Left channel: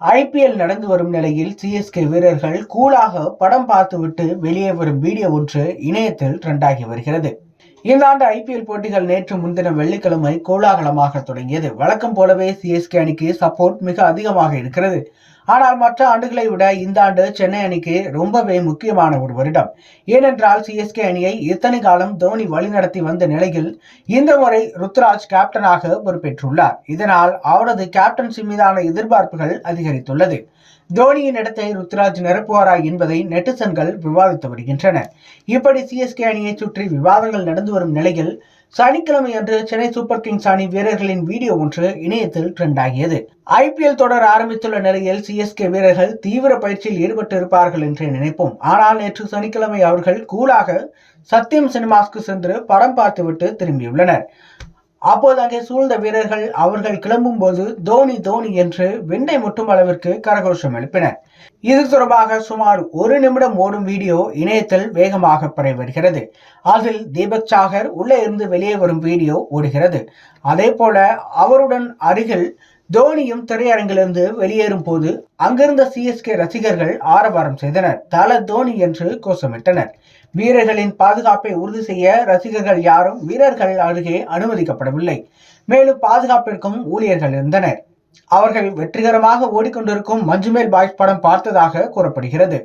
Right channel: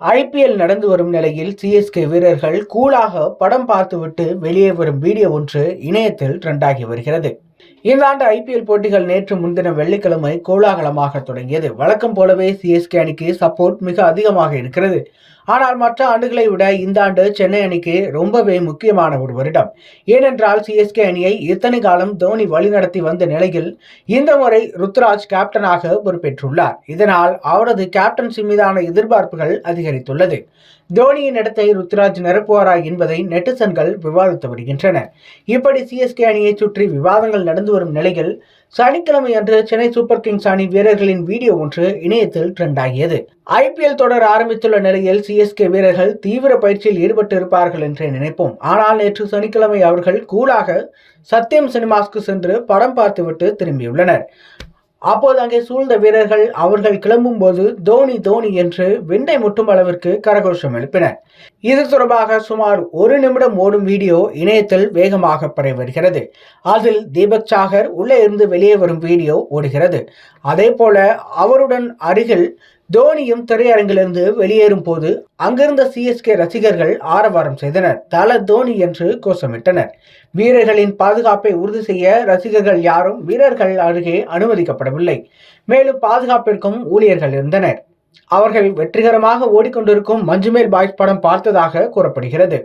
IPL நடந்து வரும் நிலையில் சிஎஸ்கே வீரர்கள் கூலாக படம் பார்த்துவிட்டு வெளியே வரும் வீடியோ ஒன்று இணையத்தில் ட்ரெண்டாகி வருகிறது. இந்த ஆண்டு ஐபிஎல் போட்டிகள் நேற்று முன்தினம் வெள்ளிக்கிழமை கோலாகலமாக தொடங்கியது. வழக்கம் போலவே சிஎஸ்கே அணிக்கு சப்போர்ட் மிக அதிகமாக இருக்கிறது. ஆனால் மற்ற ஆண்டுகளை விட இந்த ஆண்டு சென்னை அணிக்கு ரொம்பவே முக்கியமான ஒரு வருடம். ஏனென்றால் சிஎஸ்கே அணியை இத்தனை காலம் தோனி வழிநடத்தி வந்த நிலையில் இந்த முறை ருத்ராஜ் கேப்டனாக பொறுப்பேற்றுள்ளார். இதனால் அவரது கேப்டன்சி மீதான எதிர்பார்ப்புகள் அதிகரித்துள்ளது. தோனியின் இடத்தை ருத்ராஜ் நிரப்புவாரா என்பதை நெட்டிசன்கள் விவாதித்து வருகின்றனர் இப்படி சிஎஸ்கே அணியை சுற்றி விவாதங்கள் நடந்து வரும் நிலையில் சனிக்கிழமை அன்று சென்னை சூப்பர் கிங்ஸ் அணி வீரர்களின் வீடியோ ஒன்று இணையத்தில் ட்ரெண்ட் ஆகியது. ஐபிஎல் தொடர் ஆரம்பித்துள்ள நிலையில் சிஎஸ்கே வீரர்கள் தீவிர பயிற்சியில் ஈடுபட்டு இருப்பார்கள் என்று நினைப்போம். ஆனால் நேற்று சனிக்கிழமை அவர்கள் கூலாக சத்யம் சினிமாஸ்க்கு சென்று படம் பார்த்துவிட்டு திரும்பியுள்ளனர். அப்போது அங்கே சூழ்ந்த வீரர்கள் அவர்கள் கிளம்பும் போது தோனி தோனி என்று விண்டை முட்டும் அளவிற்கு கரகோஷம் எழுப்பினர் இது தொடர்பாக சுமார் ஒரு நிமிடம் ஓடும் வீடியோ இணையத்தில் வேகமாக பரவி வருகிறது அதில் தீபக் சாகர் உள்ளே இருந்து வெளியே வரும் வீடியோ ஓடுகிறது. அதே போல அவருடன் அருகில் தோனியும் திரையரங்கிலிருந்து வெளியேறும் போது அங்கிருந்த சிஎஸ்கே ரசிகர்கள் ஆரவாரம் செய்தனர். தல தோனி என்று கோஷமிட்டனர். வீரர்களின் பாதுகாப்பை உறுதி செய்ய ரசிகர்கள் யாரும் வீரர்கள் அருகே அனுமதிக்கப்படவில்லை. மேலும் பாதுகாப்பிற்கும் ஊழியர்கள் இருந்தனர். அவர்கள் வெற்றிகரமாக ஓடிக்கொண்டிருக்கும் மஞ்சுமேல் பாய்ஸ் படம் பார்த்ததாக கூறப்படுகிறது.